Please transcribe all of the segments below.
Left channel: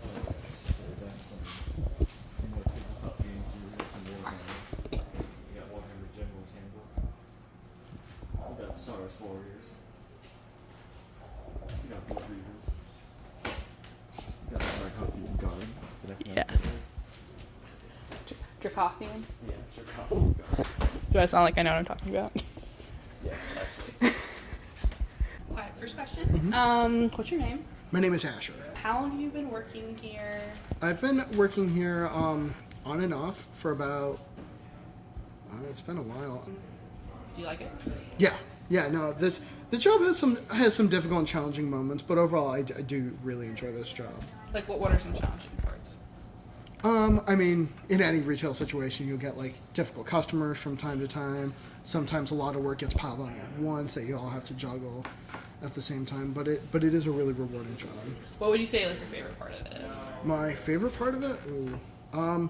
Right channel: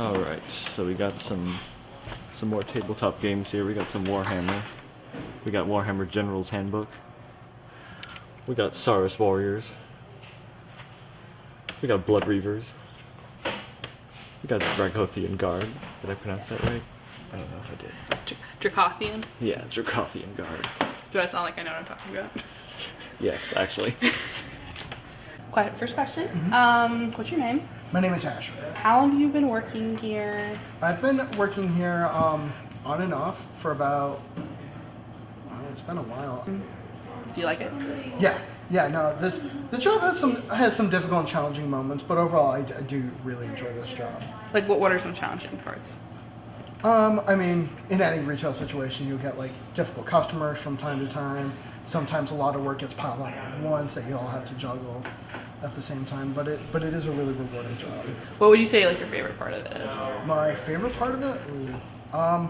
Alright, so we got some more tabletop games here. We got some Warhammer. We got Warhammer General's Handbook. We got Saurus Warriors. We got Blood Reavers. We got Dragothian Guard. Did I pronounce that right? I don't know if I did. Dracothian? Yeah, Dracothian Guard. Do I sound like I know what I'm talking about? Yes, actually. Quiet. First question. What's your name? My name is Asher. How long have you been working here? I've been working here on and off for about, it's been a while. Do you like it? Yeah, no, the job has some difficult and challenging moments, but overall I do really enjoy this job. Like, what are some challenging parts? I mean, in any retail situation, you'll get like difficult customers from time to time. Sometimes a lot of work gets piled on at once that you all have to juggle at the same time, but it is a really rewarding job. What would you say like your favorite part of it is? My favorite part of it, I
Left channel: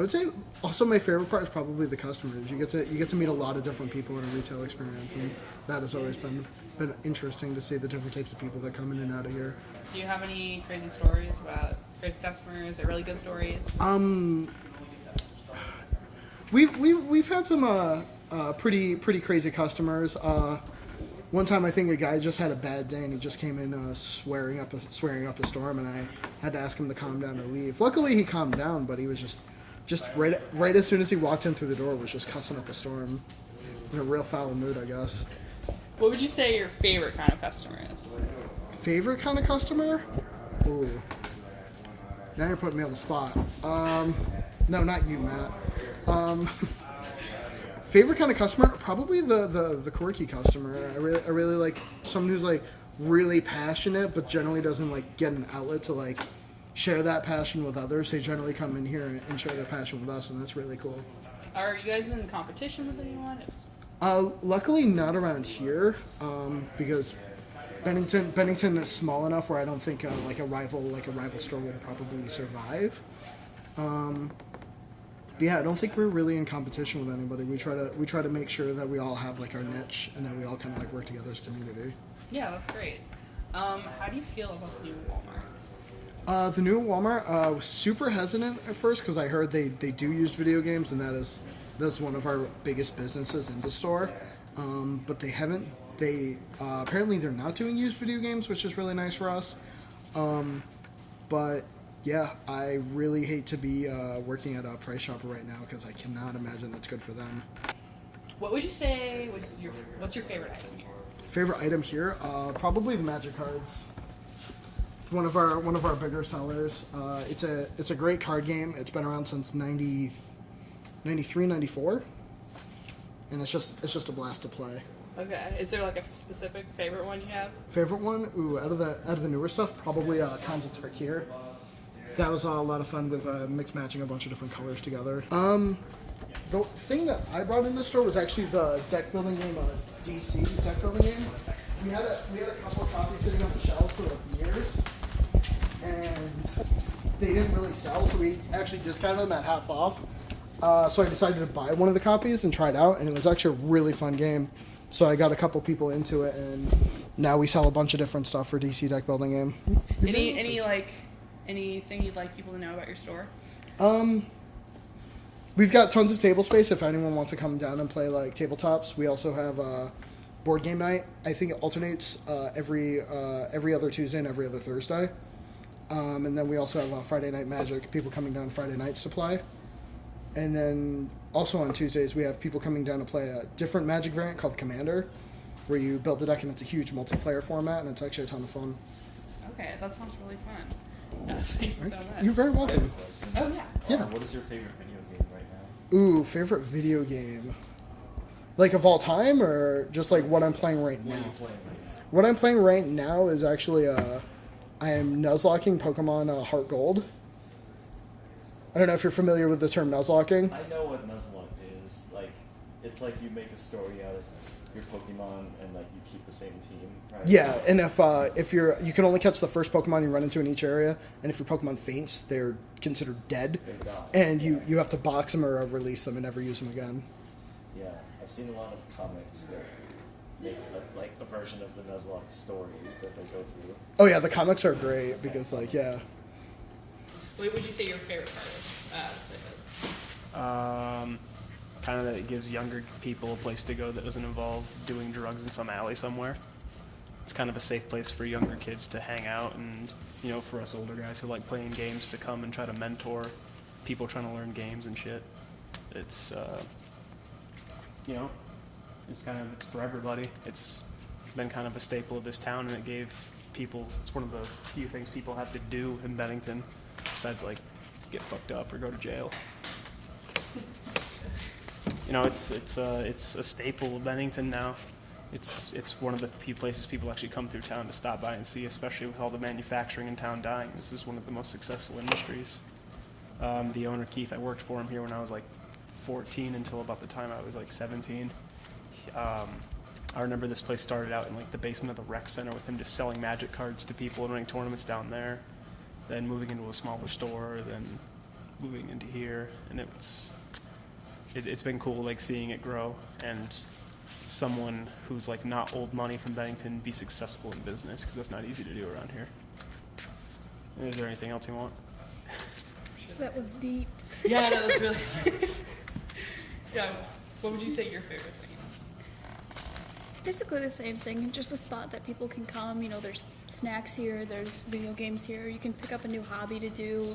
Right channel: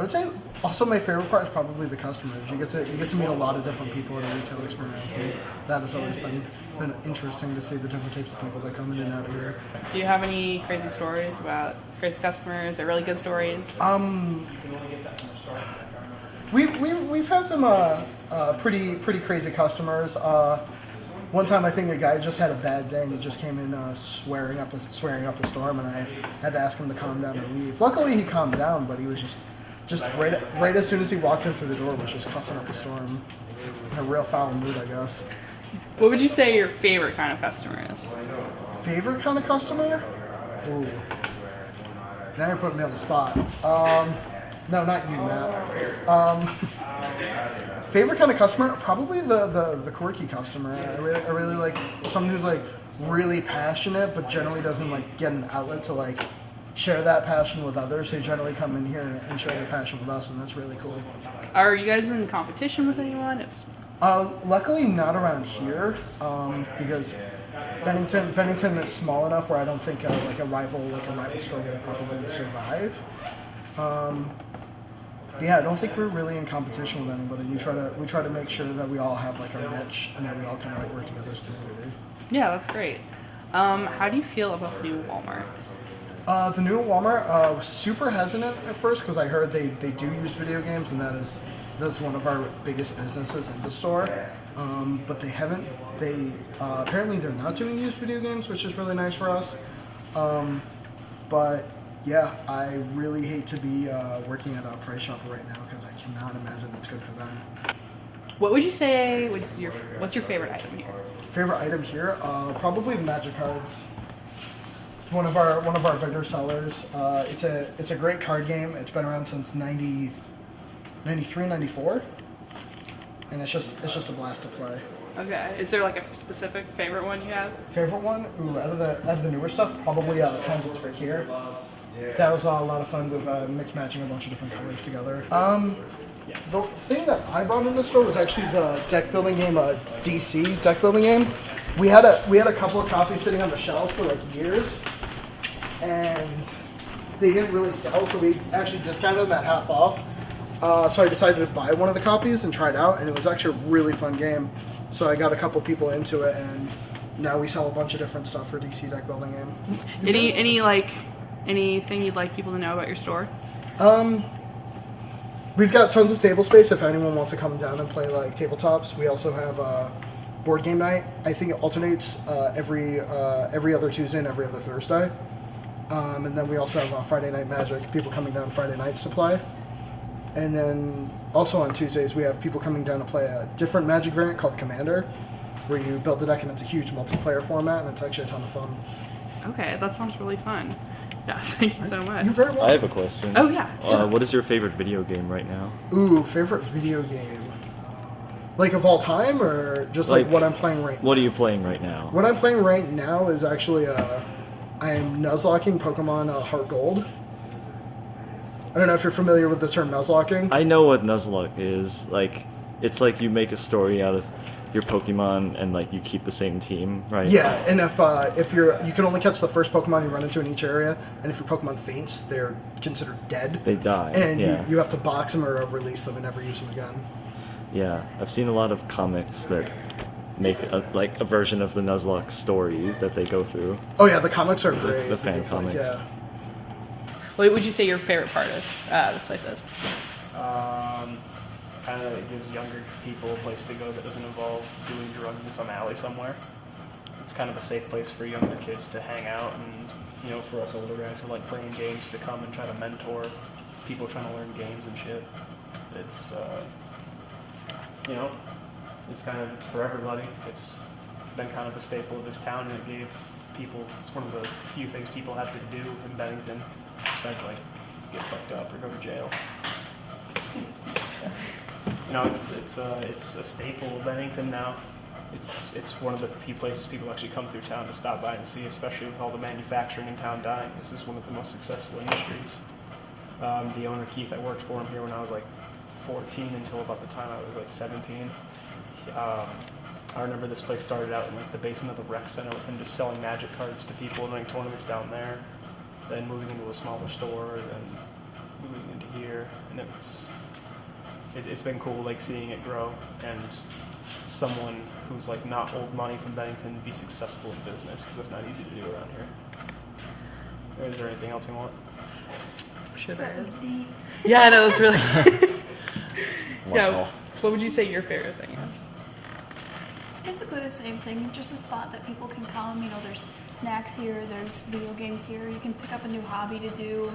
would say also my favorite part is probably the customers. You get to meet a lot of different people in a retail experience, and that has always been interesting to see the different types of people that come in and out of here. Do you have any crazy stories about crazy customers or really good stories? We've had some pretty crazy customers. One time I think a guy just had a bad day and he just came in swearing up a storm, and I had to ask him to calm down or leave. Luckily he calmed down, but he was just right as soon as he walked in through the door was just cussing up a storm in a real foul mood, I guess. What would you say your favorite kind of customer is? Favorite kind of customer? Ooh. Now you're putting me on the spot. No, not you, Matt. Favorite kind of customer? Probably the quirky customer. I really like someone who's like really passionate, but generally doesn't like get an outlet to like share that passion with others. They generally come in here and share their passion with us, and that's really cool. Are you guys in competition with anyone? Luckily not around here, because Bennington is small enough where I don't think like a rival store would probably survive. But yeah, I don't think we're really in competition with anybody. We try to make sure that we all have like our niche and that we all kind of like work together as a community. Yeah, that's great. How do you feel about the new Walmart? The new Walmart was super hesitant at first because I heard they do use video games, and that's one of our biggest businesses in the store. But they haven't. Apparently they're not doing used video games, which is really nice for us. But yeah, I really hate to be working at a Price Chopper right now because I cannot imagine that's good for them. What would you say what's your favorite item here? Favorite item here? Probably the Magic cards. One of our bigger sellers. It's a great card game. It's been around since 93, 94, and it's just a blast to play. Okay. Is there like a specific favorite one you have? Favorite one? Ooh, out of the newer stuff, probably Times of Trick here. That was a lot of fun with mix matching a bunch of different colors together. The thing that I brought in the store was actually the deck building game, DC deck building game. We had a couple of copies sitting on the shelf for like years, and they didn't really sell, so we actually discounted them at half off. So I decided to buy one of the copies and try it out, and it was actually a really fun game. So I got a couple people into it, and now we sell a bunch of different stuff for DC deck building game. Anything you'd like people to know about your store? We've got tons of table space if anyone wants to come down and play like tabletops. We also have board game night. I think it alternates every other Tuesday and every other Thursday. And then we also have Friday Night Magic, people coming down Friday nights to play. And then also on Tuesdays we have people coming down to play a different Magic variant called Commander, where you build a deck and it's a huge multiplayer format, and it's actually a ton of fun. Okay, that sounds really fun. Yeah, thank you so much. You're very welcome. I have a question. Oh, yeah. What is your favorite video game right now? Ooh, favorite video game? Like of all time, or just like what I'm playing right now? What are you playing right now? What I'm playing right now is actually, I'm nuzlocking Pokemon Heart Gold. I don't know if you're familiar with the term nuzlocking. I know what Nuzlocke is. Like, it's like you make a story out of your Pokemon and like you keep the same team, right? Yeah, and if you can only catch the first Pokemon you run into in each area, and if your Pokemon faints, they're considered dead. They die. And yeah. you have to box them or release them and never use them again. Yeah, I've seen a lot of comics that make a version of the Nuzlocke story that they go through. Oh yeah, the comics are great. The fan because, comics. yeah. What would you say your favorite part of this place is? Kind of that it gives younger people a place to go that doesn't involve doing drugs in some alley somewhere. It's kind of a safe place for younger kids to hang out, and for us older guys who like playing games to come and try to mentor people trying to learn games and shit. It's it's for everybody. It's been kind of a staple of this town, and it gave people. It's one of the few things people have to do in Bennington, besides like get fucked up or go to jail. It's a staple of Bennington now. It's one of the few places people actually come through town to stop by and see, especially with all the manufacturing in town dying. This is one of the most successful industries. The owner, Keith, I worked for him here when I was like 14 until about the time I was like 17. I remember this place started out in like the basement of the rec center with him just selling magic cards to people and running tournaments down there, then moving into a smaller store, then moving into here, and it's been cool like seeing it grow and someone who's like not old money from Bennington be successful in business, because that's not easy to do around here. Is there anything else you want? Sure That was deep. Yeah, I know, it's really. Yeah, Wow. what would you say your favorite thing is? Basically the same thing, just a spot that people can come. There's snacks here, there's video games here. You can pick up a new hobby to do.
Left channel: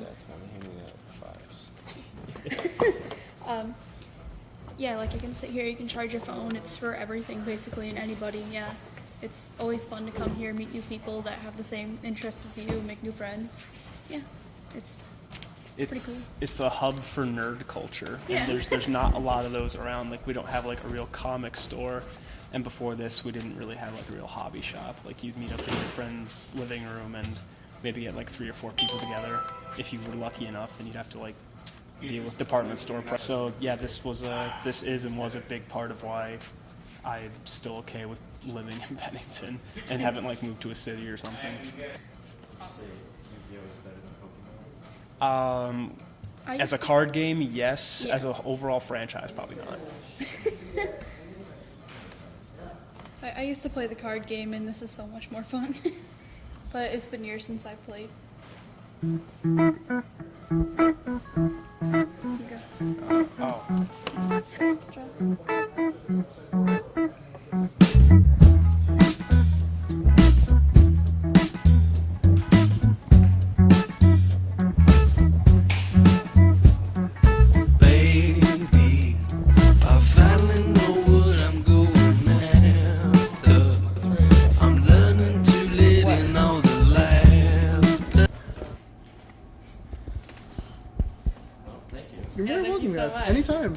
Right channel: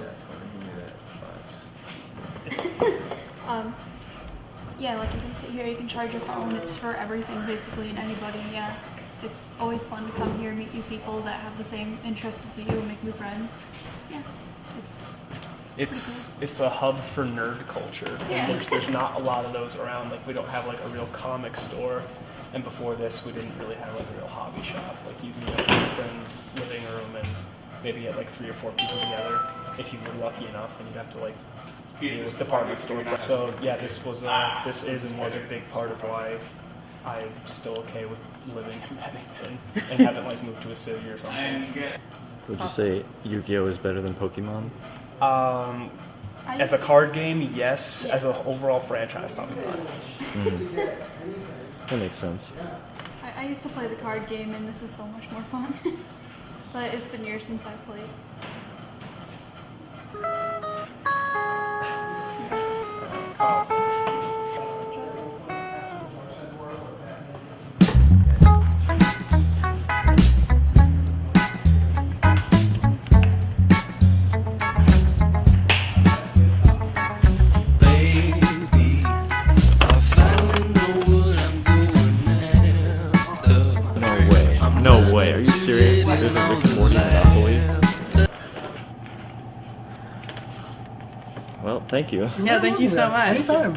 Yeah, like you can sit here, you can charge your phone. It's for everything basically and anybody. Yeah, it's always fun to come here, meet new people that have the same interests as you, make new friends. Yeah, It's a hub for nerd culture, Yeah. and there's not a lot of those around. Like we don't have like a real comic store, and before this we didn't really have like a real hobby shop. Like you'd meet up in your friend's living room and maybe get like 3 or 4 people together if you were lucky enough, and you'd have to like deal with department store price. So yeah, this is and was a big part of why I'm still okay with living in Bennington and haven't like moved to a city or something. Would you say Yu-Gi-Oh is better than Pokemon? As a card game, yes. As an overall franchise, probably not. That makes sense. I used to play the card game, and this is so much more fun. But it's been years since I played. Baby, I finally know what I'm going after. No way. I'm No way. Are you serious? letting all the laughter. Well, thank you. Yeah, thank you so much. Anytime.